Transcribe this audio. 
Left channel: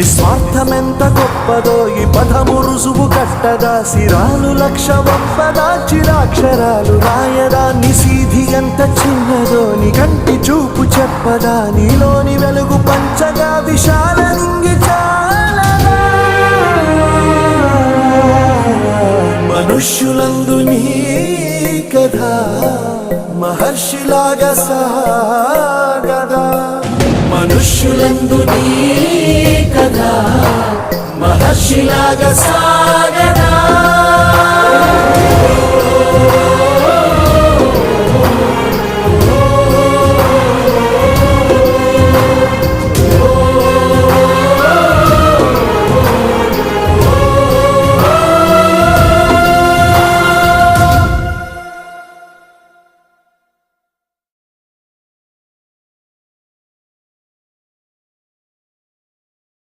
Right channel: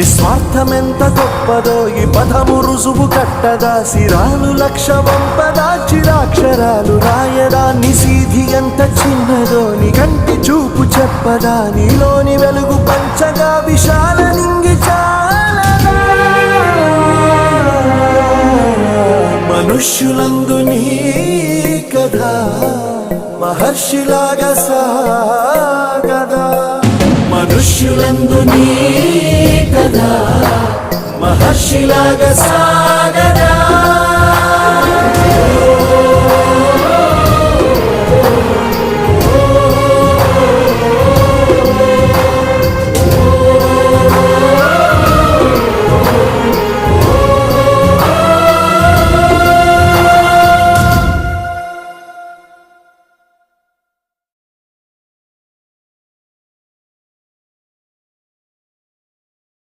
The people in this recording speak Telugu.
నిస్వార్థమెంత గొప్పదో ఈ పదము రుజువు కట్టదా, సిరాలు లక్ష వంపదా, చిరాక్షరాలు రాయదా, నిసీధి ఎంత చిన్నదో నీ కంటి చూపు చెప్పదా, నీలోని వెలుగు పంచగా విశాల నింగి చాలదా. మనుష్యులందు నీ కథ మహర్షిలాగా సాగదా, మనుష్యులందు నీ కథ మహర్షిలాగా సాగదా.